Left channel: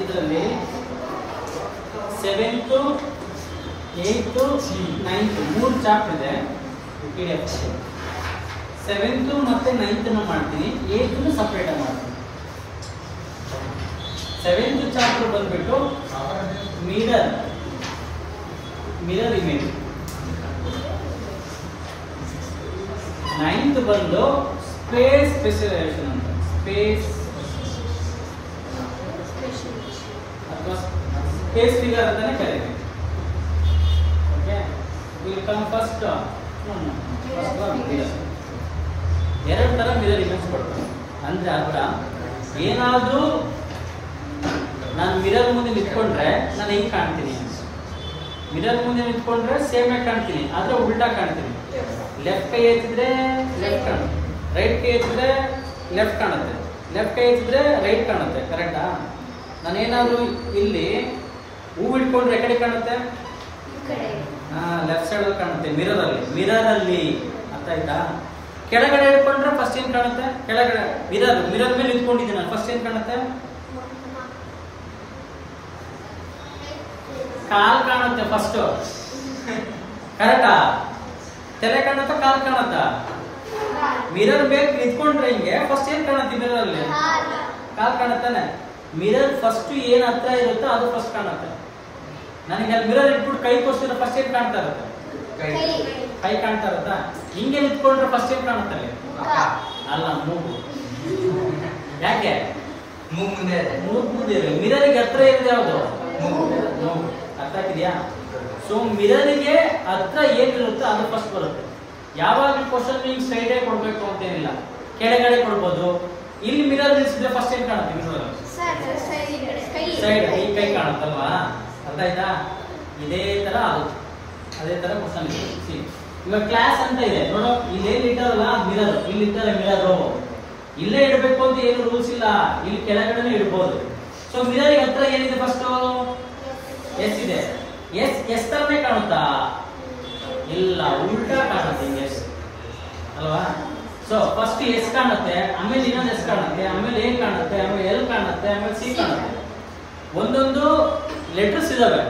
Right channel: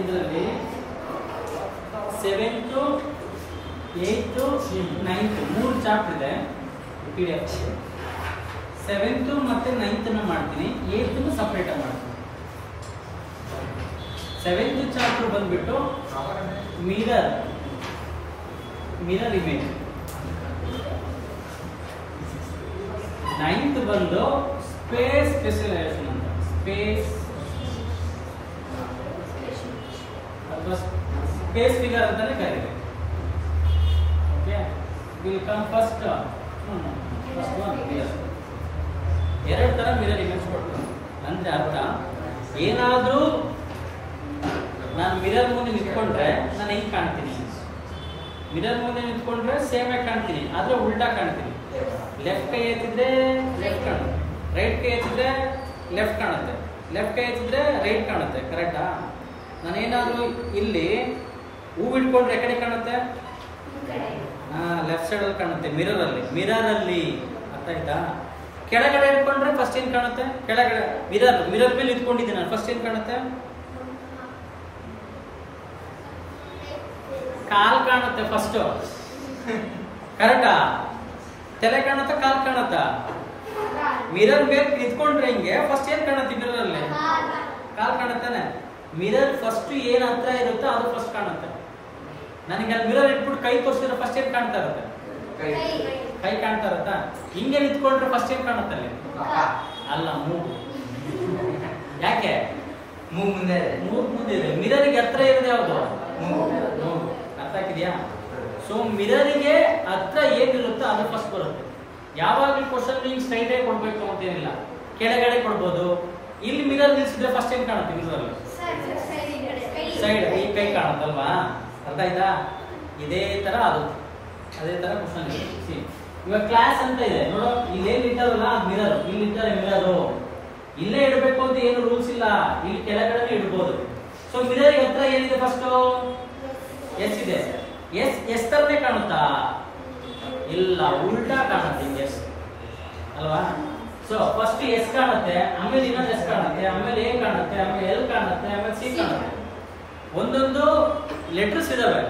ಇದರಲ್ಲಿ 7th 8th 9th 3 chapter ಇದೆ PDF. 7th ಮತ್ತೆ 9th ಮಾಡ್ತೀನಿ, 8th ಸಪರೇಟ್ ಮಾಡ್ತೀನಿ. 7th ಚಾಪ್ಟರ್ ಬಂದ್ಬಿಟ್ಟು ಮಿರರ್ ಇಮೇಜ್, 9th ಬಂದು ಸ್ಪೇಸ್ ಸ್ಪೆಷಲೈಸೇಷನ್ ಅಂತ, ಸ್ಪೇಸ್ ಅಥವಾ ಸ್ಪೇಸ್ ಫಿಗರ್ ಅಂತಾನೆ ಕರೀತಾರೆ. ಓಕೆ, ವಿಲ್ ಕಮ್ ಫಸ್ಟ್ ಎರಡು ತರ ಮಿರರ್ ಇಮೇಜ್ ಕೊಡ್ತೀನಿ. ಅಂದ್ರೆ ಅರ್ಥ ಏನಾದ್ರೂ ನಾನು ಮಿರರ್ ಮುಂದೆ ನಿಂತ್ಕೊಂಡ್ರೆ ನಾನು ಹಿಂಗ್ ಕಾಣ್ತೀನಿ, ಮಿರರ್ ಮುಂದೆ ನಿಂತ್ಕೊಂಡ್ರೆ ಸೇಮ್ ಆಗಿ ಕಾಣ್ತೀನಿ, ಆದ್ರೆ ಉಲ್ಟಾ ಕಾಣ್ತೀನಿ. ಲೆಫ್ಟ್ ಕೈ ಎತ್ತಿದ್ರೆ ಲೆಫ್ಟ್ ಕಾಣುತ್ತೆ, ರೈಟ್ ಕೈ ಎತ್ತಿದ್ರೆ ಲೆಫ್ಟ್ ಕಾಣುತ್ತೆ, ಲೆಫ್ಟ್ ಕೈ ಎತ್ತಿದ್ರೆ ರೈಟ್ ಕಾಣುತ್ತೆ. ಕರೆಕ್ಟಾ? ನಾನೇನಾದ್ರೂ ಇಲ್ಲಿ ಹೂ ಇಟ್ಕೊಂಡ್ರೆ ಕಡೆ ಕಾಣುತ್ತೆ, ಲೆಫ್ಟ್ ಸೈಡ್ ಕಾಣುತ್ತೆ ಮಿರರ್ ಅಲ್ಲಿ. ಅರ್ಥ ಆಯ್ತಾ? ಕೆಳಗಡೆ ಇಟ್ಕೊಂಡ್ರೆ ಫಸ್ಟ್ ಏನ್ ಕಾಣುತ್ತೆ? ಕೆಳಗಡೆ ಮಿರರ್ ಮೇಲೆ ನಿಂತ್ಕೊಂಡಿದ್ದೀನಿ ನಾನು, ಫಸ್ಟ್ ಏನ್ ಕಾಣುತ್ತೆ? ಕಾಲ್ ಕಾಣುತ್ತೆ ಫಸ್ಟ್. ಕರೆಕ್ಟಾ? ತಲೆ ಕಾಣುತ್ತಾ ಕಾಲ್ ಕಾಣುತ್ತಾ? ಮಿರರ್ ಮೇಲೆ ನಿಂತ್ಕೊಂಡ್ರೆ ಹಿಂಗೆ ಫಸ್ಟ್ ಏನ್ ಕಾಣುತ್ತೆ? ಮಿರರ್ ಅಲ್ಲಿ ಕಾಲ್ ಕಾಣುತ್ತಾನೆ. ಮಿರರ್ ಫಸ್ಟ್ ಏನ್ ಹತ್ರ ಇರುತ್ತೋ ಅದು ಫಸ್ಟ್ ಕಾಣುತ್ತೆ. ನನಗೆ ಅಲ್ಲಿ ಮಿರರ್ ಇಟ್ಬಿಟ್ಟು ಕೈ ತೋರಿಸಿದ್ರೆ ಫಸ್ಟ್ ಏನ್ ಕಾಣ್ತಾ ಇರುತ್ತೆ? ಕೈ ಕಾಣ್ತಾ ಇರುತ್ತಾ? ಹಿಂಗೆ ನಿಂತ್ಕೊಂಡ್ರೆ ಫಸ್ಟ್ ಏನ್ ಕಾಣುತ್ತೆ ಅಲ್ಲಿ? ಅಲ್ಲ, ಮೂಗು. ಯಾಕೆ? ಮೂಗು ಮುಂದೆ ಇದೆ. ಮಿರರಿಗೆ ಹತ್ರ ಇರೋದು ಯಾವುದು? ಮೂಗು. ಅರ್ಥ ಆಗಿದೆಯಾ? ಸೊ ಮಿರರಿಗೆ ಹತ್ರ ಏನಿರುತ್ತೋ ಅದು ಫಸ್ಟ್ ಬರುತ್ತೆ. ಯಾವಾಗಲೂ ಕ್ವಶನ್ ಹಿಂಗ್ ಸ್ಟ್ರೈಟ್ ಆಗಿ ಕೊಡ್ಬೇಕು ಅಂತೇನಿಲ್ಲ, ಕೆಳಗಡೆ ಕೊಡ್ಬೋದು. ಇಲ್ಲಿ ಮಿರರ್ ನಿಲ್ಸಿದ್ರೆ ಫಸ್ಟ್ ಏನ್ ಕಾಣುತ್ತೆ? ಮಿರರ್ ಸೈಡ್ ಈ ಕೈ ಕಾಣುತ್ತಲ್ವಾ? ಅರ್ಥ ಆಯ್ತಾ? ಇದೇ ತರ ಅದು, ಅದೇ ತರ ಕ್ವಶನ್ ಇದೆ. ಇವಾಗ ಕ್ಲಾಸ್ ಅಂತ ಇದೆ ನೋಡೋ, ಇಲ್ಲೇನು ಇಟ್ಟಾರಲ್ಲ ಮಿರರ್, ಇಲ್ಲಿ ಇಟ್ಟಾರೆ ಮಿರರ್, ಇಲ್ಲೇ ಇಡಬೇಕು ಅಂತ ಏನು ರೂಲ್ಸ್ ಇಲ್ಲ, ಇಲ್ಲಿ ಕೆಳಗಡೆ ಇಡ್ಬೋದು. ಸೊ ಮಿರರ್ ಹತ್ರ ಏನಿದೆ? ಫಸ್ಟ್ ಎಸ್ ಇದೆ. ಎಸ್ ತರನೇ ಕಾಣುತ್ತಾ? ಇಲ್ಲ, ಉಲ್ಟಾ ಕಾಣುತ್ತೆ. ಹಿಂಗೆ ಎಸ್ ಅಲ್ವಾ? ಸೊ ಫಸ್ಟ್ ಎಸ್ ಕಾಣುತ್ತೆ, ಆಮೇಲೆ ಇನ್ನೊಂದು ಎಸ್ ಕಾಣುತ್ತೆ, ಆಮೇಲೆ ಎ ಕಾಣುತ್ತೆ, ಆಮೇಲೆ ಎಲ್ ಕಾಣುತ್ತೆ, ಆಮೇಲೆ ಸಿ ಕಾಣುತ್ತೆ. ಒಂದೊಂದು ಲೆಟರ್ಸ್ ಇದಾವೆ,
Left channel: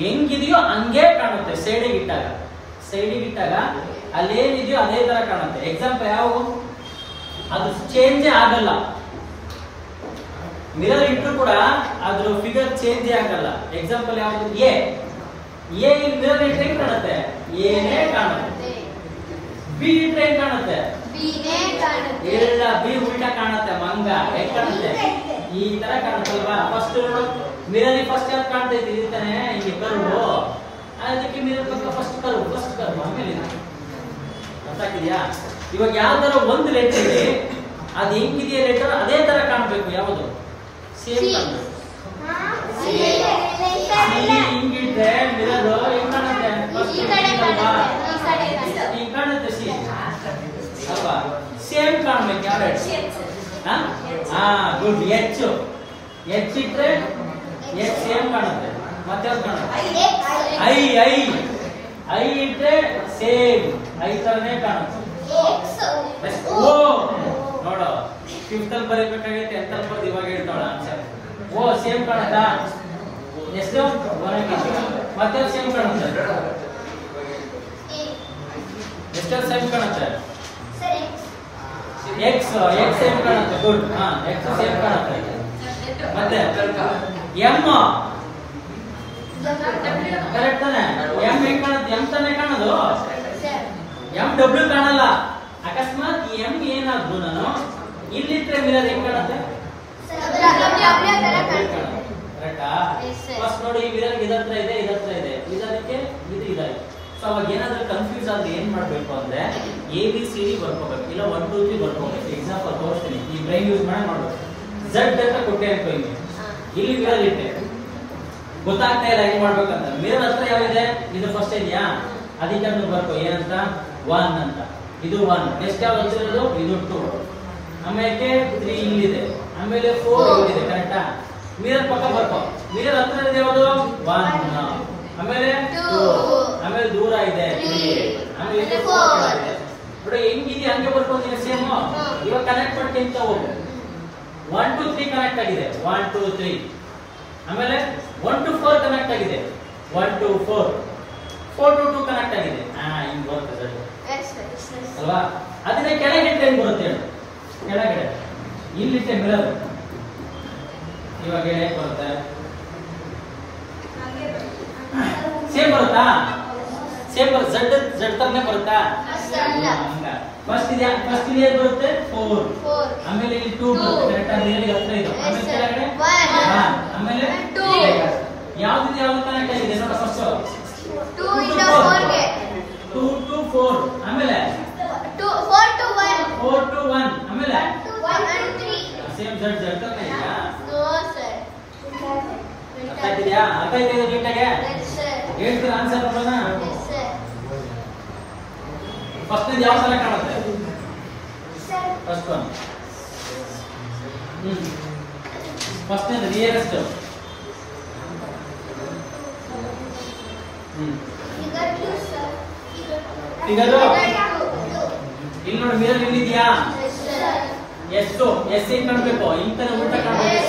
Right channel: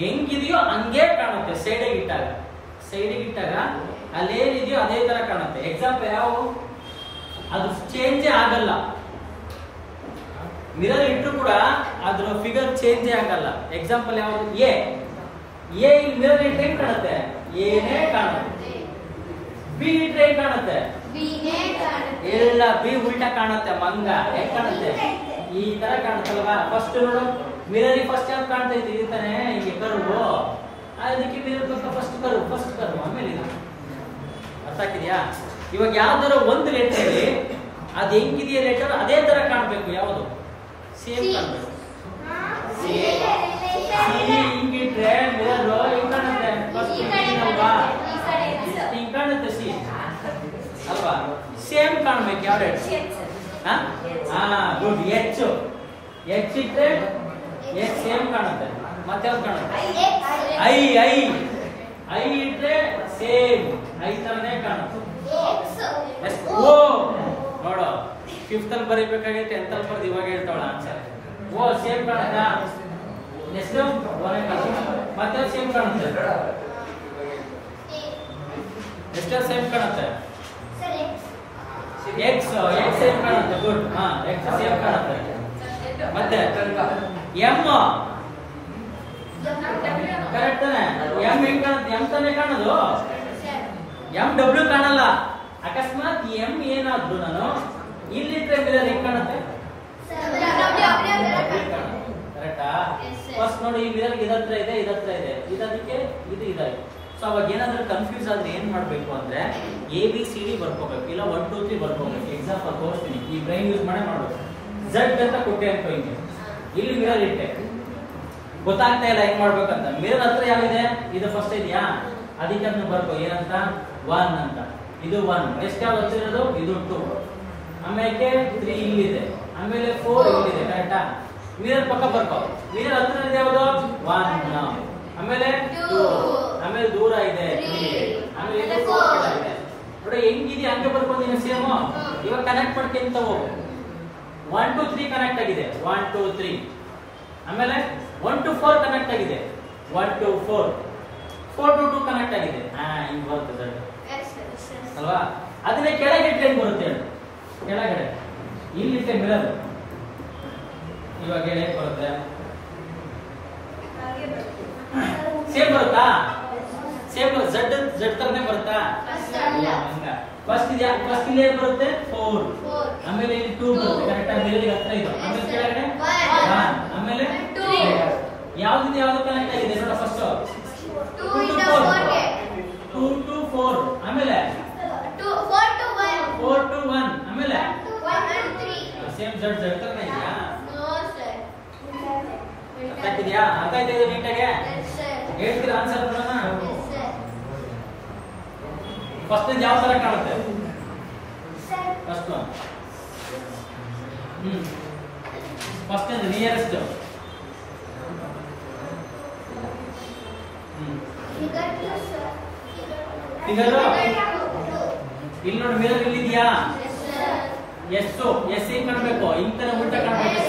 ಹೆಂಗಿದೆಯೋ ಹಂಗೆ ಕಾಣುತ್ತೆ. ಸೈಡಿಗೆ ಇಟ್ಟಾಗ ಅಲ್ಲೇನಿದೆಯೋ ಅದೇ ತರ ಕಾಣುತ್ತೆ. ಎಕ್ಸಾಂಪಲ್ ಯಾವ? ಅದು ಚೇಂಜೇ ಆಗಲ್ಲ. ಮಿರರ್ ಇಟ್ಟರು ಕೂಡ ಅದ್ರ ಫಿಗರ್ ಚೇಂಜೇ ಆಗಲ್ಲ. ಎಕ್ಸಾಂಪಲ್ ಯಾವುದು? ಎ ಮಿರರ್ ಇಟ್ಟರೆ ಹೆಂಗ್ ಕಾಣುತ್ತೆ? ಏನೇ ಕಾಣುತ್ತೆ. ಬಿ ಇಟ್ಟರೆ ಹೆಂಗ್ ಕಾಣುತ್ತೆ? ಇಲ್ಲ, ಬಿ ಉಲ್ಟಾ ಕಾಣುತ್ತೆ. ಮಂಗ ಹೆಂಗ್ ಕಾಣುತ್ತೆ? ಈ ತರ ಕಾಣುತ್ತಲ್ವಾ? ಫಸ್ಟ್ ನೋಡು, ಮಿರರ್ ಫಸ್ಟ್ ಯಾವ್ದು ಕಾಣ್ತಾ ಇದ್ದೀವಿ ತಾನೆ, ಹಿಂಗೆ ಕರುವು. ಅದಕ್ಕೆ ಮಿರರ್ ಫಸ್ಟ್ ಕರು ಆಮೇಲೆ ಅರ್ಥ ಆಗಿದೆಯಾ? ಇವಾಗ ಯಾವ್ದಾರ ಒಂದು ಲೆಟರ್ ಇದೆ, ಅದು ಹೆಂಗಿದೆಯಾ ಲೆಟರ್ ಅದೇ ತರ ಕಾಣ್ಬೇಕು. ಯಾವುದು? ಸೇಮ್ ಕಾಣ್ಬೇಕು. ಹಿಂಗಿಟ್ರೆ ಮಿರರ್ ಹೆಂಗ್ ಕಾಣುತ್ತೆ? ಫಸ್ಟ್ ಅಲ್ವಾ? ಹಿಂಗ್ ಕಾಣುತ್ತೆ ಸಿ ಅಲ್ವಾ? ಸೇಮ್ ಕಾಣ್ಬೇಕು. ಯಾವ ಲೆಟರ್? ಗುಡ್. ಎಚ್ ಇಟ್ರೆ ಎಚ್ ಸೇಮ್ ಕಾಣುತ್ತೆ. ಮತ್ತೆ ಯಾವ್ದು ಕಾಣುತ್ತೆ? ಐ ಇಟ್ರೆ ಸೇಮ್ ಐ ತರನೇ ಕಾಣುತ್ತೆ. ಓ ನೋಡು, 5th ಅಲ್ಲಿ ಬರೀಬೇಕಾಗಿತ್ತು, 10th ಅಲ್ಲಿ ಬರ್ದು ಇವಾಗ ಹೇಳ್ತಾಳ ಆನ್ಸರ್. ಓ ಸೇಮ್ ಕಾಣುತ್ತಾ? ಎಷ್ಟು? ಮತ್ತೆ ಸೇಮ್ ಕಾಣುತ್ತೆ. ಎಷ್ಟು ಸೇಮ್ ಕಾಣುತ್ತೆ? ಎಕ್ಸ್ ಸೇಮ್ ಕಾಣುತ್ತೆ. ಗುಡ್. ಎಕ್ಸ್ ಸೇಮ್ ಕಾಣುತ್ತೆ. ಮತ್ತೆ ಎಂ ಕರೆಕ್ಟ್ ತಾನೆ? ಎಂ ಹೆಂಗ್ ಕಾಣುತ್ತೆ? ಎಂ ತಾನೇ ಕಾಣೋದು. ಎಂ ಡಬ್ಲ್ಯೂ ಕಾಣಲ್ಲ. ಅಕಸ್ಮಾತ್ ಎಂ ಏನಾದ್ರು ನಾನು ಇಲ್ಲಿಟ್ರೆ ಮಿರರ್ ಹೆಂಗ್ ಕಾಣುತ್ತೆ? ಕರೆಕ್ಟಾ? ಫಸ್ಟ್ ನೋಡಿ, ಈ ಮಿರರ್ ಇದತ್ರ ಇದೆ, ಇದಕ್ಕೆ ಇದು ಇದಾಗಿದೆ. ಸೊ ಅವಾಗ ಏನಾದ್ರೂ ಕನ್ಫ್ಯೂಸ್ ಆದ್ರೆ ಏನ್ ಮಾಡ್ಬೇಕು ಅಂದ್ರೆ ABCD ಬರ್ಕೋಬೇಕು, ಇಲ್ಲ 1 2 3 ಬರ್ಕೋಬೇಕು. ಎಕ್ಸಾಂಪಲ್ ತೋರಿಸ್ತೀನಿ, ಈ ಬ್ರೈನ್ ಯೂಸ್ ಮಾಡಿ ನೋಡ್ಬೇಕು. Z ಅಂತ ಕೊಟ್ಟೆ ಅನ್ಕೋ, ಇಲ್ಲಿ ಮಿರರ್ ಇಟ್ಟೆ, ಗೊತ್ತಾಗ್ತಾ ಇಲ್ಲ ಹೆಂಗ್ ಮಾಡ್ಬೇಕಂತ. ಮಿರರ್ ಹತ್ರ ಯಾವಿದೆ? ಇದು ಫಸ್ಟ್ ಇದೆಯಾ? ಅದಕ್ಕೆ ಅದನ್ನ ಬರ್ಕೋ. ಏನಂತ? 1 ಅಂತ. ಇದು 1. ನೆಕ್ಸ್ಟ್ ಯಾವ್ದು ಹತ್ತಿರೋದು? ಇದು 2. ಆಮೇಲೆ 3 ಇಲ್ಲಿದೆ, ಆಮೇಲೆ 4 ಇಲ್ಲಿದೆ. ಕರೆಕ್ಟಾ? ಮಿರರ್ ಪಕ್ಕ ಬರ್ಕೋ. ಮಿರರ್ ಹತ್ರ ಇದೆ ಯಾವುದು? 1. ಆಮೇಲೆ 2, ಆಮೇಲೆ ದೂರ ಇದೆ 3, ಆಮೇಲೆ ಇದು 4 ಇದೆ. ನೋಡಿ ಹೆಂಗಿದೆ ಹಂಗೆ ಬರ್ಕೋತೀನಿ ಸೇಮ್. ಇವಾಗ ಕನೆಕ್ಟ್ ಮಾಡ್ಕೊಂತ ಹೋಗು. 1 to 3 ಕನೆಕ್ಟ್ ಆಗಿದೆ 1 to 3. ಆಮೇಲೆ 1 to 4 ಕನೆಕ್ಟ್ ಆಗಿದೆ 1 to 4. 4 to 2 ಕನೆಕ್ಟ್ ಆಗಿದೆ. ಹಿಂಗ್ ಬರುತ್ತೆ ಸರ್ ಅಲ್ವಾ? ಅದನ್ನೇ ಕೆಳಗೆ ಟ್ರೈನ್ ಬರುತ್ತೆ ಹೇಳಿ. ಕೆಳಗಡೆ ಇಲ್ಲಿಟ್ಟೆ ಮಿರರ್ ಇವಾಗ ಹೇಗೆ ಬರುತ್ತೆ? ಸೇಮ್ ಬರುತ್ತಾ? ಸೇಮ್ ಬರುತ್ತೆ. ಝಡ್ ತರನೇ ಬರುತ್ತಾ? ಫಸ್ಟ್ ಇದೆ ಬರುತ್ತೆ 4. ಆಮೇಲೆ ಇಲ್ಲಿ 2 ಬರುತ್ತೆ ಕರೆಕ್ಟ್ ಆಗಿ ಮಿರರ್ ಹತ್ರ ಇದು. ಆಮೇಲೆ ಕೆಳಗಡೆ 1. ಆಮೇಲೆ 2. ಯಾವ್ದು ಕನೆಕ್ಟ್ ಆಗಿದೆ ನೋಡ ಫಸ್ಟ್ 2 to 4. ಆಮೇಲೆ 4 to 1. ಆಮೇಲೆ 1 and 3. ಸೇಮ್ ಝಡ್ ತರನೇ ಇದೆಯಾ? ಅರ್ಥ ಆಗಿದೆಯಾ? ಅರ್ಥ ಆಯ್ತಾ ನೀಟಾಗೆ? ಹೇಳ್ತೀರಾ ಆನ್ಸರ್ ಬರೋಣ? ಫಸ್ಟ್ ಯಾವ ತರ ಕಾಣುತ್ತೆ? First one first nearest figure ಇಲ್ಲಿ ನೋಡಿ ಮಿರರ್ ಇಲ್ಲಿದೆಯಾ? ಎಷ್ಟು ಎಸ್ ಹೆಂಗ್ ಕಾಣಬೇಕು? ಇಂತರ ಉಲ್ಟ ಕಾಣಬೇಕು.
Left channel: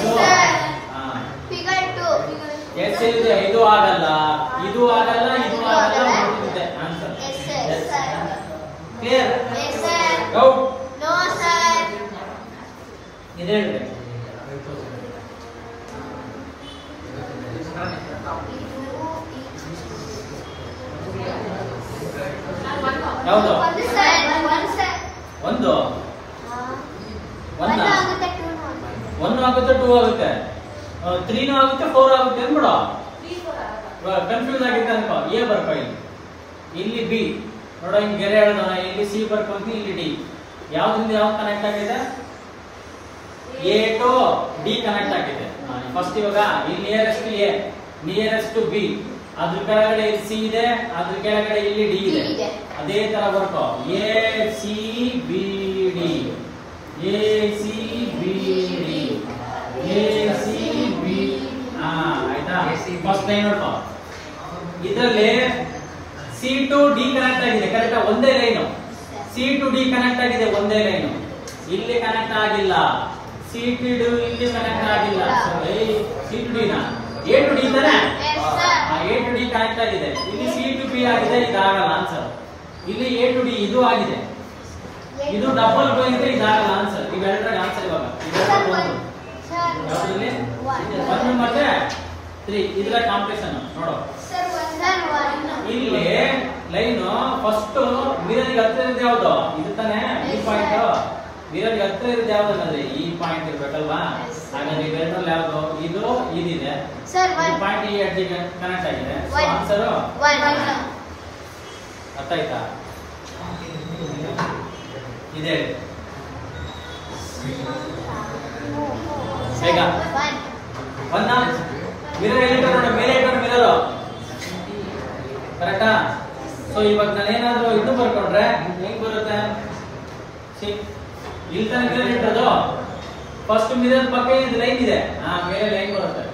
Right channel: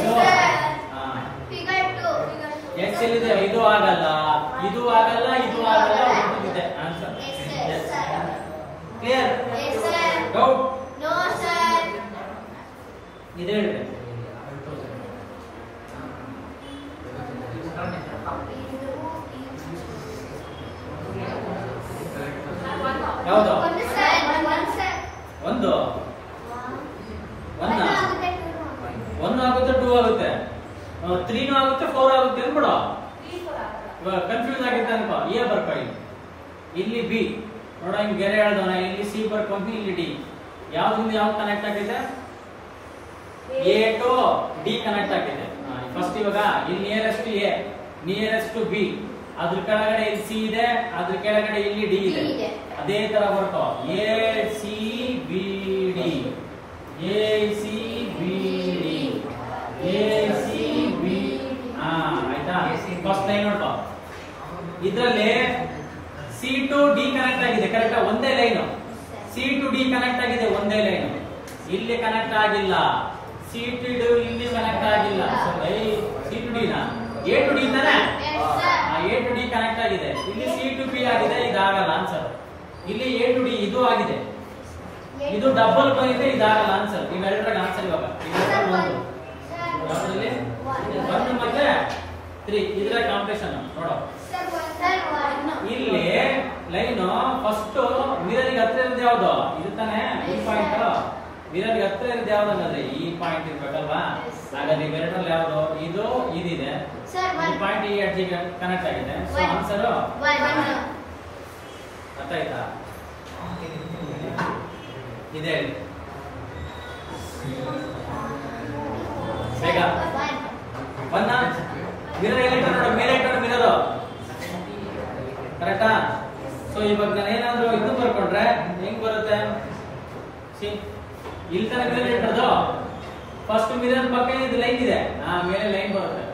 ಎಷ್ಟು ಎಸ್ ಎಲ್ಲಿದೆ? ಇದು ಆಗಲ್ಲ, ಇದು ಆಗಲ್ಲ, ಇದು ಆಗಲ್ಲ, ಇದೆ answer. Clear? Doubt? No sir. ಇದೆ ಹೇಳಿದೆ. ಯಾವುದು? ಒಂದು 1 ಆಗುತ್ತೆ 2 ಆಗುತ್ತೆ 3 ಆಗುತ್ತೆ 4 ಆಗುತ್ತೆ ಅಂದ್ಬಿಡು. ಕನ್ಫ್ಯೂಸ್ ಆಗಿತ್ತು ಅನ್ಕೋ. ಎ ಬರ್ಕೊ ಇಲ್ಲಿ ಬಿ ನೋಡ ಹಿಂಗ್ ಗೆರೆ ಹೇಳ್ದವ. ಇಲ್ಲಿ ಸಿ ಬರ್ಕೊಂಡ್ವಿ, ಇಲ್ಲಿ ಡಿ. ಯಾವ್ದ್ರಿಂದ ಯಾವ್ದು ಕನೆಕ್ಟ್ ಆಗಿದೆ? ಎ ಟು ಡಿ ಕನೆಕ್ಟ್ ಆಗಿದೆ. ಫಸ್ಟ್ ಇವಾಗ ಇಲ್ಲಿ ನಿಯರೆಸ್ಟ್ ಟು ಬಿ, ಅದ್ರ ಕೆಳಗಡೆ ಇಲ್ಲಿ ಸಿ ಇದೆ, ಅದ್ರ ಕೆಳಗಡೆ ಇಲ್ಲಿ ಡಿ ಇದೆ. ಅದೇ ತರ ಬರ್ಕೋ. A C B D, A C B D, A C B. ಆಯ್ತಾ? ಫಸ್ಟ್ ಲೈನ್ ನೋಡ್ಕೋ. ಇದ್ರಲ್ಲಿ ಸಿ ಟು ಡಿ ಕನೆಕ್ಟ್ ಆಗಿದೆ ಕರೆಕ್ಟ್? ಒಂದೇ line. C to D connect ಆಗಿದೆ ಒಂದೇ ಲೈನ್. ಇಲ್ಲಿ ಕನೆಕ್ಟ್ ಆಗಿಲ್ಲ. ಸಿ ಟು ಡಿ ಇಲ್ಲಿ ಕನೆಕ್ಟ್ ಆಗಿಲ್ಲ. ಸಿ ಟು ಡಿ ನಾ ಎ ಟು ಡಿ ತಾನೆ? ಎ ಟು ಡಿ ಕನೆಕ್ಟ್ ಆಗಿದೆ. ಇಲ್ಲಿ ಸಿ ಟು ಬಿ ಆಗಿದೆ, ಇದಾಗಲ್ಲ ಆನ್ಸರ್. ಇಲ್ಲಿ ಎ ಟು ಡಿ ಇದು ಆಗಿದೆ, ಇದು ಡಬಲ್ ಬಂದಿದೆ, ಇದಾಗಲ್ಲ ಆನ್ಸರ್. ಇವೆರಡರ ಆನ್ಸರ್ ಇವಾಗ ಯಾವ್ದ್ರಲ್ಲಿ? 1 ಮತ್ತೆ 3 ಇದ್ರ ಕಾಂಪಿಟೇಷನ್ ನೋಡೋ. ಇಲ್ಲಿ ಲೈನ್ ಫಸ್ಟ್ ಮಿರರ್ಗೆ ಹತ್ರ ಇರೋದು ಯಾವ್ದು? ಇದು ತಾನೆ ಈ ಪಾಯಿಂಟ್. ಮಿರರ್ಗೆ ಹತ್ರ ಇರೋದು ಯಾವ್ದು ಅಂದ್ರೆ ಈ ಪಾಯಿಂಟ್ ಇರ್ಬೇಕಲ್ವಾ? ಹಾಗಾದ್ರೆ ಇವೆರಡರಲ್ಲಿ ಯಾವ್ದು? ಇದು ಇದಿದೆ, ಈ ಪಾಯಿಂಟ್ ಈ ಎಡ್ಜ್ ಕನೆಕ್ಟ್ ಆಗಿದೆ. So answer 1. ಅರ್ಥ ಆಯ್ತಾ? ಇದೆ ಬೇಗ 1 ಮಿರರ್ ಎಲ್ಲಿಟ್ಟ ನೋಡ, ಮೇಲೆ ಇಟ್ಟ ಮಿರರ್ ಕರೆಕ್ಟಾ? ಸೊ ಇವಾಗ ನಾನು ಏನಾದ್ರು ಇದು ಬರ್ಕೊಂಡ್ರೆ ಹೆಂಗ್ ಬರುತ್ತೆ? ಇಲ್ಲಿ ತನಕ ಮಿರರ್ ಇಟ್ಟದ್ದು ಫಸ್ಟ್ ಮಿರರ್ ಪಕ್ಕ ಇದು ಲೈನ್ ಇದೆ, ಮೇಲೆ ಲೈನ್ ಬರುತ್ತೆ.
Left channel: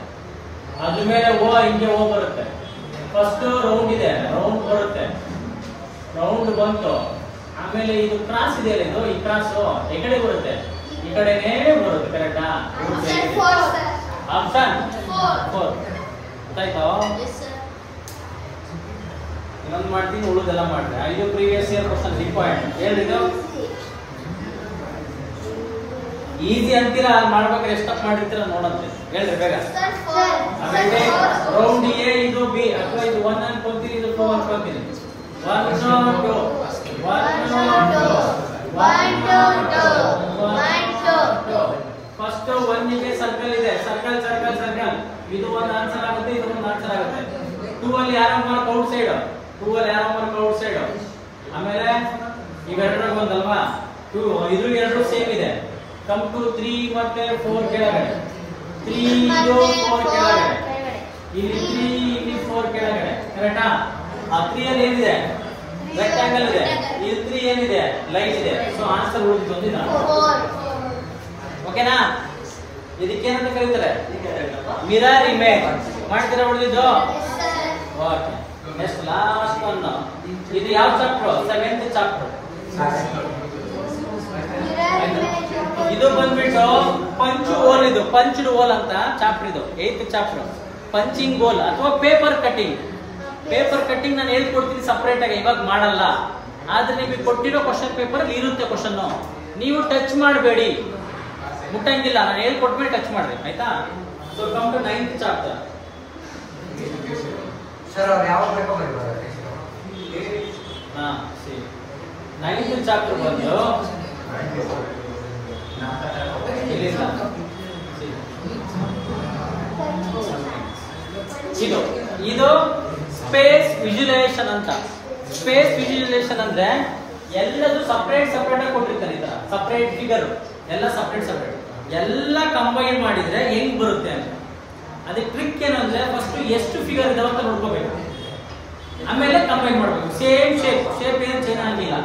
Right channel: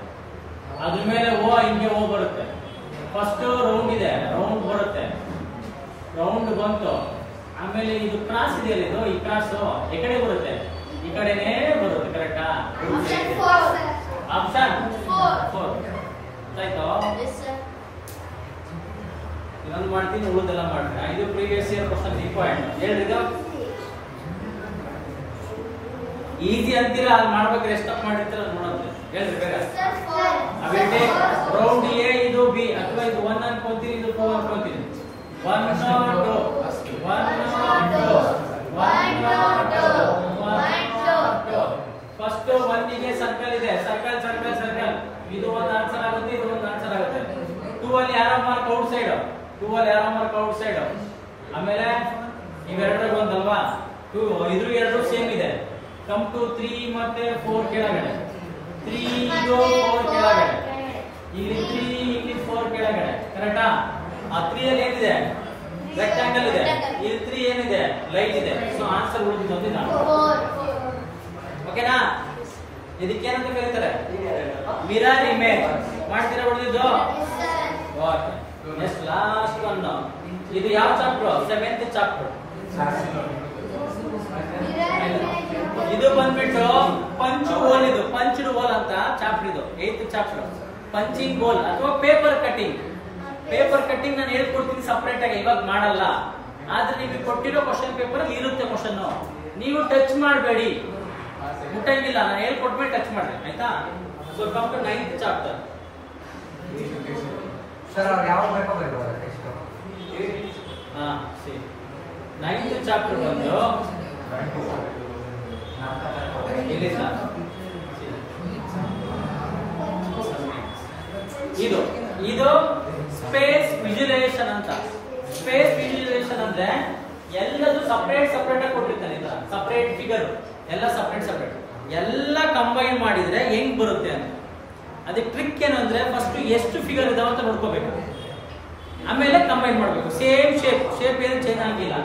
ಅದ್ರ ಮೇಲೆ ಓ ಹಿಂಗೆ ಓ ಬರುತ್ತೆ. ಫಸ್ಟ್ ರೌಂಡ್ ಇದೆ, ರೌಂಡ್ ಬರುತ್ತೆ, ರೌಂಡ್ ಬಂತು. ಆಮೇಲೆ ಇದು ಕ್ರಾಸ್ ಇದೆಯಲ್ಲ, ಇದು ಈ ಕ್ರಾಸ್ ಈ ಕಡೆ ಬರುತ್ತೆ, ಈ ಕಡೆನೇ ಬರುತ್ತೆ ಕರೆಕ್ಟಾ? ಆಪ್ಷನ್ 4. ಆಯ್ತಾ? ಇನ್ನೊಂದು ಮಾಡ್ತೀನಿ, ಉಳಿದೆಲ್ಲ ಮಾಡ್ತೀನಿ. ಇದು ಪ್ರೀವಿಯಸ್ ಇಯರ್ ಕ್ವಶನ್ ಇಂಪಾರ್ಟೆಂಟ್. ಹೇಳಿದ್ದು ಈಸಿ ಅಂತೀರಾ, ಅಲ್ಲಿ ಮಾಡ್ಬೇಕಾದ್ರೆ ಎಷ್ಟು ತಪ್ಪು ಮಾಡಿರ್ತೀರಾ ನೋಡಂತೆ. ಹೇಳ್ರಿ ಬೇಗ. ಆಮೇಲೆ ರೌಂಡ್ ಎ ಇದು ಬಿ, ಅಥವಾ ಇದು 1 ಅನ್ಕೊಂತೀನಿ, ಇದು 2 ಅನ್ಕೊಂತೀನಿ. 1 2 ಫಸ್ಟ್ 1 ಇದೆ, ಸರ್ಕಲ್ ಇದೆ, ಸರ್ಕಲ್ ಸರ್ಕಲ್ ಸರ್ಕಲ್. ಇದು ಒಂದು ಆನ್ಸರ್ ಆಗುತ್ತೆ, ಇದು ಒಂದು ಆನ್ಸರ್ ಆಗುತ್ತೆ. 2 ಅಲ್ಲಿ ಯಾರೋ ಮಾರ್ಕ್ ಔಟ್ ಸೈಡ್, 2 ಅಲ್ಲಿ ಯಾರೋ ಮಾರ್ಕ್ ಔಟ್ ಸೈಡ್. ಆಮೇಲೆ ಇವೆರಡರಲ್ಲಿ ಒಂದಲ್ವಾ? 2 ಇದ್ರ ಎರಡು ಸೇಮ್ ಇದೆ. ಕಮ್ ಟು 3 ಮತ್ತೆ 4 ಕೆಳಗಡೆ, 3 ಇದು 4 ಕೆಳಗಡೆ, ಇಲ್ಲಿ 3 ಇಲ್ಲಿ 4 ಕೆಳಗಡೆ ಕರೆಕ್ಟಾ? ಆ 3 ಅಲ್ಲಿ ಏನಿದೆ? ರೆಕ್ಟಾಂಗಲ್ ಇದೆ. ಇಲ್ಲಿ 3 ಏನಿದೆ? ಲೈನ್ ಇದೆ. ಸೊ ಆನ್ಸರ್ ಉಳಿದಿದ್ದು ನಾನು. ಓಕೆನಾ? ಇದಕ್ಕೇನಂತ ಕರೀತಾರೆ? Mirror image. ಮಾಡ್ತೀರಾ ಉಳಿದಿದ್ದು? ಓಕೆ. Next last one. ಇದು ಯಾವ ಚಾಪ್ಟರ್? 7th chapter. ಇದು ಬಂದ್ಬಿಟ್ಟು ಪಂಚ್ ಹೋಲ್. ಇದು ಪಂಚ್ಡ್ ಹೋಲ್ ಅಂತ ಚಾಪ್ಟರ್, ಇದು 8th ಚಾಪ್ಟರ್. ಪಂಚಿಂಗ್ ಹೋಲ್ ಅಥವಾ ಪೇಪರ್ ಕಟಿಂಗ್. ಪೇಪರ್ ಕಟಿಂಗ್ ನಾನು ಹೇಳ್ಕೊಡ್ತೀನಿ ಸಪರೇಟ್ ಆಗಿ, ಇವಾಗ ಮಾಡಲ್ಲ. ಆದ್ರೆ ನಿಮಗೆ ಕೊಟ್ಟಿರೋ ಕ್ವಶನ್ ಪೇಪರ್ ಅಲ್ಲಿ ಇರುತ್ತೆ ಕ್ವಶನ್. ನೀವು ಟಚ್ ಮಾಡಬೇಡಿ, ಮುಟ್ಟಂಗಿಲ್ಲ. ನಾನು ಹೇಳ್ಕೊಟ್ಮೇಲೆ ಟಚ್ ಮಾಡ್ಬೇಕು, ಆಯ್ತಾ? So come to 9th chapter. Sir ಅವ್ರು ಯಾವ ಪೇಪರ್ ಹಾ ಸರಿ. 9th ಚಾಪ್ಟರ್ ಬಂದು ಇಲ್ಲಿಂದ ಇದು ಇದು ಸ್ಪೇಸ್ ವಿಜುವಲೈಸೇಷನ್ ಅಂತ. ಸ್ಪೇಸ್ ವಿಜುವಲೈಸೇಷನ್ ಅಂದ್ರೆ ಎಲ್ಲದೂ ಸಪರೇಟ್ ಸಪರೇಟ್ ಆಗಿ ಕೊಟ್ಟಿರ್ತಾರೆ. ಈ ತರ ಸಪರೇಟ್ ಫಿಗರ್ ಎಲ್ಲ ಸಪರೇಟ್ ಸಪರೇಟ್ ಎಲ್ಲ ಕಂಬೈನ್ ಮಾಡಿದ್ರೆ ಹೆಂಗ್ ಬರುತ್ತೆ ಅಂತ. ಅದಕ್ಕೆ ಟ್ರಿಕ್ ಏನು ಅಂದ್ರೆ ಫಸ್ಟ್ ಎಷ್ಟು ಫಿಗರ್ ಇದಾವ ಅಂತ ನೋಡ್ಕೋಬೇಕು, ಆಮೇಲೆ ಕಂಬೈನ್ ಮಾಡಬೇಕು. ಸೇಮ್ ಶೇಪ್ ಏನು ಚೇಂಜ್ ಆಗಿಲ್ಲ.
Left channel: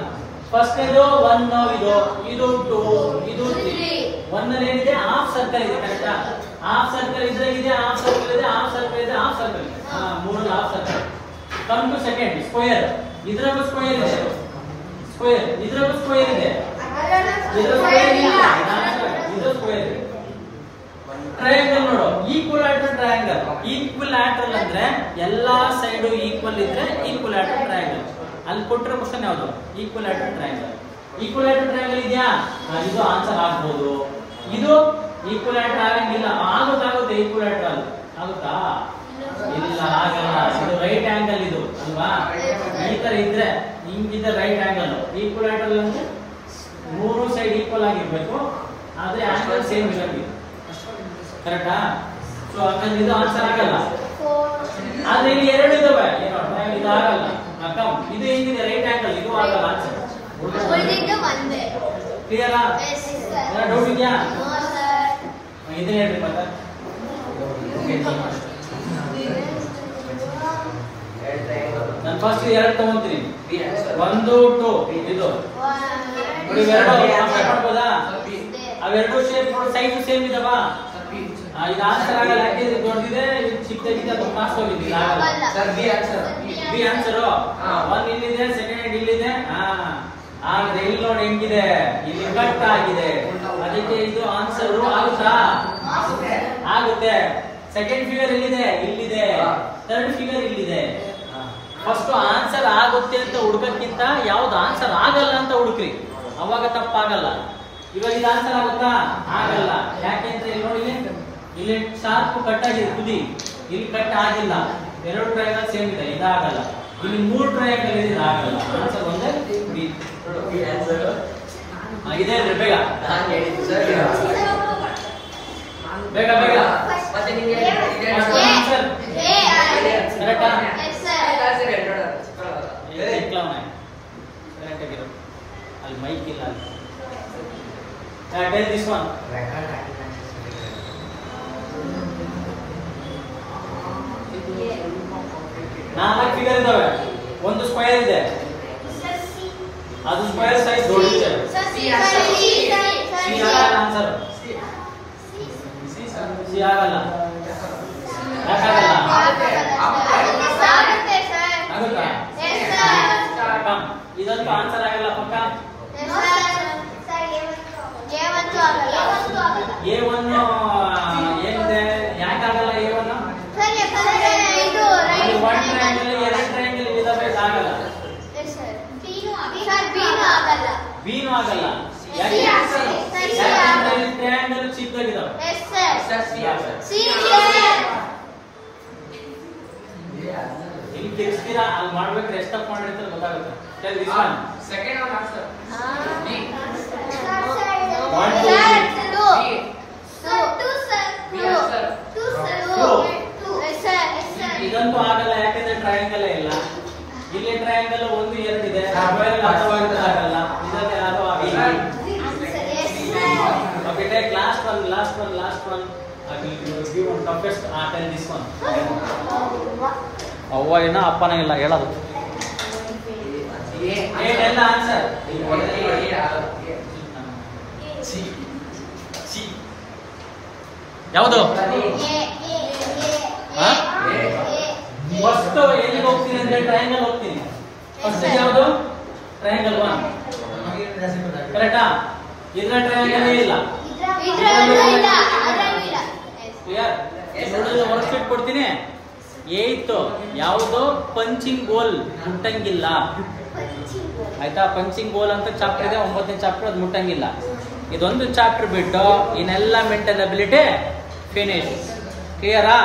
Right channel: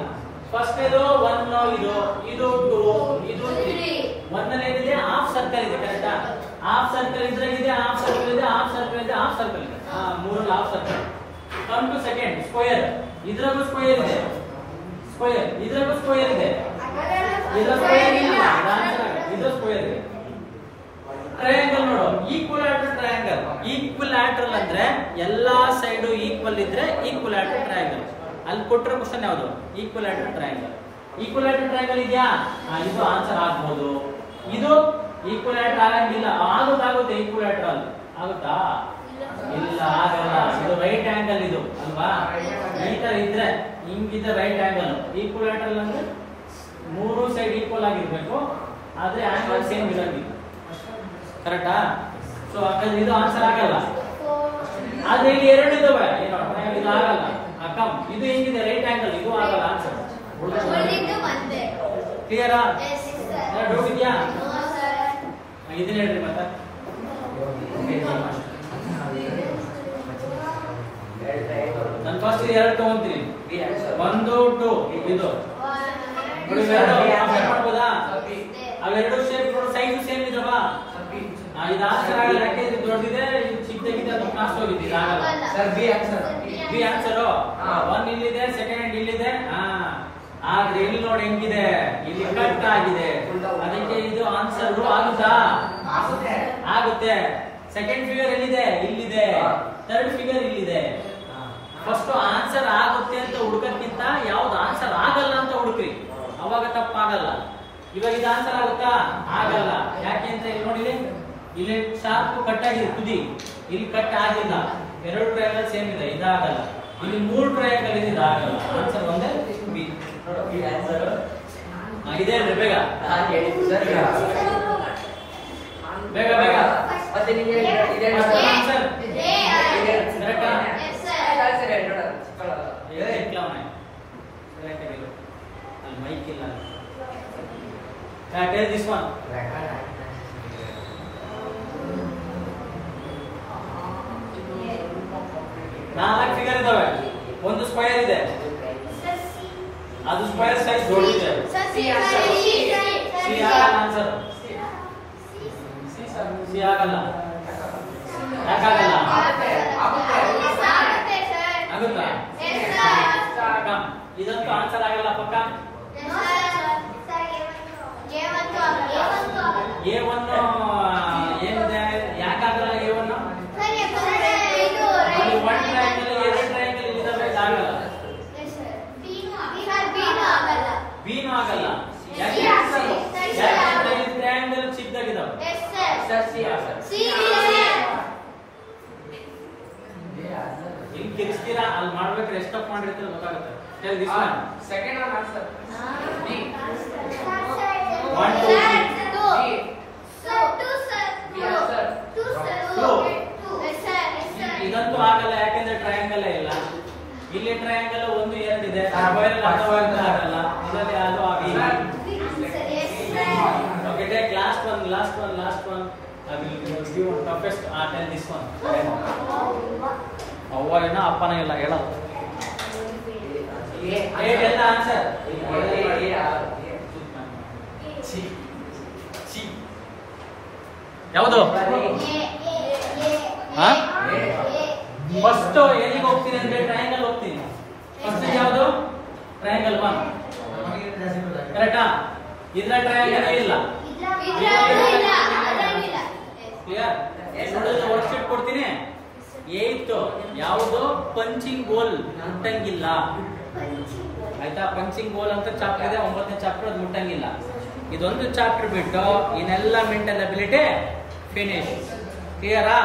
ಫಸ್ಟ್ ಇದು 1, ಇದು 2, ಇದು 3. 1 ಏನಿದೆ ಹಾಫ್ ಸರ್ಕಲ್ ಇದೆ, ಕರೆಕ್ಟಾ? ಹಾಫ್ ಸರ್ಕಲ್ ಇದ್ರೆ ಇದೆ, ಹಾಫ್ ಸರ್ಕಲ್ ಇದೆ, ಹಾಫ್ ಸರ್ಕಲ್ ಇದೆ, ಹಾಫ್ ಸರ್ಕಲ್ ಇದೆ. ಮೂರು half circle. Come to second square. ಇದ್ರಾಗೂ ಸ್ಕ್ವೇರ್ ಇದೆ, ಸ್ಕ್ವೇರ್. ಇದ್ರಾಗೂ ಸ್ಕ್ವೇರ್ ಇದೆ, ಇದ್ರ ಸ್ಕ್ವೇರ್ ಇಲ್ಲ, ಇದು ಸ್ಕ್ವೇರ್ ಇದೆ. ಟ್ರಯಾಂಗಲ್ ನೋಡು, ಈಕ್ವಲ್ಯಾಟರಲ್ ಟ್ರಯಾಂಗಲ್. ಈಕ್ವಲ್ಯಾಟರಲ್ ಅಂದ್ರೆ ಎಲ್ಲಾ ಸೈಡ್ ಈಕ್ವಲ್ ಇದ್ರೆ ಈಕ್ವಲ್ಯಾಟರಲ್ ಟ್ರಯಾಂಗಲ್. ಅಲ್ಲಿ ಕೊಟ್ಟಿರೋ ಕ್ವಶನ್ ಯಾವುದು? ಈಕ್ವಲ್ಯಾಟರಲ್ ಟ್ರಯಾಂಗಲ್. ಈಕ್ವಲ್ಯಾಟರಲ್ ಟ್ರಯಾಂಗಲ್ ಇದೆಯಾ? ಇದು ಆನ್ಸರ್ ಆಗ್ಬೋದು. ಇದು ಈಕ್ವಲ್ಯಾಟರಲ್ ಆಗಂಗಿಲ್ಲ. ಆಗುತ್ತೆ ಈಕ್ವಲ್ಯಾಟರಲ್ ಆಗುತ್ತಾ? ಇಲ್ಲ, ಆಗಲ್ಲ. ಇದು ರೈಟ್ ಆಂಗಲ್ ಇದು ಅಲ್ವಾ? ಈ ತರ ಇದ್ರೆ ಹಿಂಗಿದ್ರೆ ರೈಟ್ ಆಂಗಲ್. ಈಕ್ವಲ್ಯಾಟರಲ್ ಅಂದ್ರೆ ಮೂರು ಸೈಡ್ ಈಕ್ವಲ್ ಆಗಿರ್ಬೇಕು, ಆದ್ರೆ ಆಂಗಲ್ ಸೇಮ್ ಇರಬೇಕು, ಕರೆಕ್ಟಾ? ಸೊ ಹಾಗಾದ್ರೆ ಇದು ಆನ್ಸರ್ ಆಗಲ್ಲ. ಆದ್ರೆ ಇಲ್ಲಿ ಎರಡು ಇದಾವೆ, ಏನೋ ಇದು ಆಗಲ್ಲ. ಕಮ್ ಇದು ಹೆಂಗಿದೆ? ರೈಟ್ ಆಂಗಲ್, ಇದು ಆಗಲ್ಲ ಆನ್ಸರ್. ಕ್ಲಿಯರಾ? ಡೌಟ್ ಇದೆಯಾ? ಇದನ್ನ ಹೇಳ್ರಿ ಮತ್ತೆ. ನಾನು ಫಸ್ಟ್ ಎರಡು ತಗೊಂತೀನಿ. 1, 2 ಇದು ಮಾಡ್ಬೋದಾ? ಅವೆರಡು ಶೇಪ್ ಸೈಜ್ ಸೇಮ್ ಇದಾವ. ಇದು ಆನ್ಸರ್ ಆಗಲ್ಲ, ಯಾಕೆ ಇದು ದೊಡ್ಡದಿದೆ, ಇದು ಚಿಕ್ಕದಾಗಿದೆ, ಅದು ಕಾಣಿಸ್ಕೊಂಡಿದ್ದೀವಿ. Sir B answer. B answer. 1 ಇಲ್ಲಿದೆ, ಸೆಕೆಂಡ್ ಇಲ್ಲಿದೆ. ಆದ್ರೆ ಇಲ್ಲಿ ನೋಡಿ ಹೆಂಗಿದೆ, ಇಲ್ಲಿ ಕಟ್ ಆಗಿದೆ. ಅದಕ್ಕೆ ಇದು ಆನ್ಸರ್ ಆಗುತ್ತಾ? ಆಗುತ್ತೆ. ಸೆಕೆಂಡ್ ಫಿಗರ್ ಎಲ್ಲಿದೆ? ಇಲ್ಲಿದೆ. ಥರ್ಡ್ ಫಿಗರ್ ಇಲ್ಲಿದೆ. ಫಸ್ಟ್ ಆನ್ಸರ್ ಆಗುತ್ತೆ ಅಂತ ಹುಡುಕಕ್ಕಿಂತ ಯಾವ್ದು ಆನ್ಸರ್ ಆಗಲ್ಲ ಅಂತ ಹುಡುಕ್ರಿ, ಅವಾಗ ತಪ್ಪಾಗಲ್ಲ. ಇವಾಗ ಇದು ಆನ್ಸರ್ ಆಗುತ್ತಾ? ಆಗಲ್ಲ. ಯಾಕೆ ಅಂತ ಇಲ್ಲಿ ನೋಡಿ, ಇಲ್ಲಿ ಶಾರ್ಪ್ ಕಟ್ ಆಗಿದೆ ತುದಿ, ಇಲ್ಲಿ ಕಟ್ ಆಗಿಲ್ಲ. ಎರಡು ಟ್ರಯಾಂಗಲ್ ಸೇಮ್ ಇದೆ, ಇದಾಗಲ್ಲ. ಇಲ್ಲಿ 3 ಟ್ರಯಾಂಗಲ್ ಇದೆ, ಇದಾಗಲ್ಲ. ಆನ್ಸರ್ ಒಂದೇ ಬಿ. ಇದೆ ಬೇಗ ಬೇಗ ಬೇಗ. ಮತ್ತೆ ನಿಮಗೆ ಆನ್ಸರ್ ಕರೆಕ್ಟಾ? ಅಲ್ಲಿ ಮೈಕ್ ಇಲ್ಲ. Tell this one. 4 ಫಿಗರ್ ಇದಾವೆ. ಒಂದು ಸ್ಕ್ವೇರ್ ಇದೆ, ಅದು ಸ್ಕ್ವೇರ್ ಸೈಜ್ ದೊಡ್ಡದಿದೆ. C answer. ಸಿ ಆಗಲ್ಲ. ಯಾಕಾಗಲ್ಲ? ಆಗುತ್ತಾ? ಇದಂತೂ ಆನ್ಸರ್ ಆಗಲ್ಲ ಪಕ್ಕ. A1 ಏನಿದೆ? ಯಾಕಾಗಲ್ಲ A1? ಒಂದು ಟ್ರಯಾಂಗಲ್, ಎರಡು ಟ್ರಯಾಂಗಲ್ ಇದಾವೆ, ಇದಾಗಲ್ಲ. ಬೀನು ಆಗಲ್ಲ. ಯಾಕೆ? ಟ್ರಯಾಂಗಲ್ ಚಿಕ್ಕದಾಗಿದಾವೆ. ಇಲ್ಲಿ ತಿರ್ಸ್ತೀರಾ, ಅಲ್ಲಿ ಮಾಡ್ಬೇಕು, ಎಷ್ಟು ತಪ್ಪು ಮಾಡಿರ್ತಾರೆ ಗೊತ್ತಾಗುತ್ತೆ. Second answer B. 1, 2, 3 ಇದಂತೂ ಆಗಲ್ಲ, ಯಾಕಂದ್ರೆ ಟ್ರಯಾಂಗಲ್ ಇಲ್ಲ. ಇಲ್ಲಿ ಟ್ರಯಾಂಗಲ್ 1, 2 ಇದೆ, ಆಗಲ್ಲ. ಇದರಲ್ಲಿ ಯಾವುದು ಆಗಿಲ್ಲ. Okay, take last one. I will give one toughest. Tell this one. ಅವ್ವ ಏನ ಅಪ್ಪನ ಇಲ್ಲ ಹೇಳಲ್ಲ. ಎಲ್ಲ ಆನ್ಸರ್ ಯಾವುದು? ಫಸ್ಟ್ ಎಲ್ಲಿಗೆ ಹೋಗ್ತೀನಿ ಅಂದ್ರೆ ಟ್ರಯಾಂಗಲ್ ಹೋಗ್ತೀನಿ. ಫಸ್ಟ್ ಯಾವುದು? ಟ್ರಯಾಂಗಲ್ 1, ಕರೆಕ್ಟಾ? ಇದ್ರ ಟ್ರಯಾಂಗಲ್ ಇಲ್ಲ. ಕ್ಲಿಯರ್? ನೋಡಿದ್ರೆ ವರ್ಕ್ಶೀಟ್ ಕೊಡ್ತೀನಿ. ಏಯ್ತು ಯಾವುದು ಪಂಚಿಂಗ್ ಗೋಲ್ ಮುಟ್ಟಂಗಿಲ್ಲ. ಆಯ್ತಾ? ಪಂಚಿಂಗ್ ಗೋಲ್ ಅಂತ ಚಾಪ್ಟರ್ ಇದೆ, 9ನೇ ಚಾಪ್ಟರ್, ಅದು ಮುಟ್ಟಂಗಿಲ್ಲ. ಇದೊಂದು ಚಾಪ್ಟರ್ ಬಿಟ್ಟು ಇನ್ನೆಲ್ಲ ಮೆಂಟಲ್ ಅಬಿಲಿಟಿ ಫಿನಿಶ್. ಕ್ಲಿಯರಾ?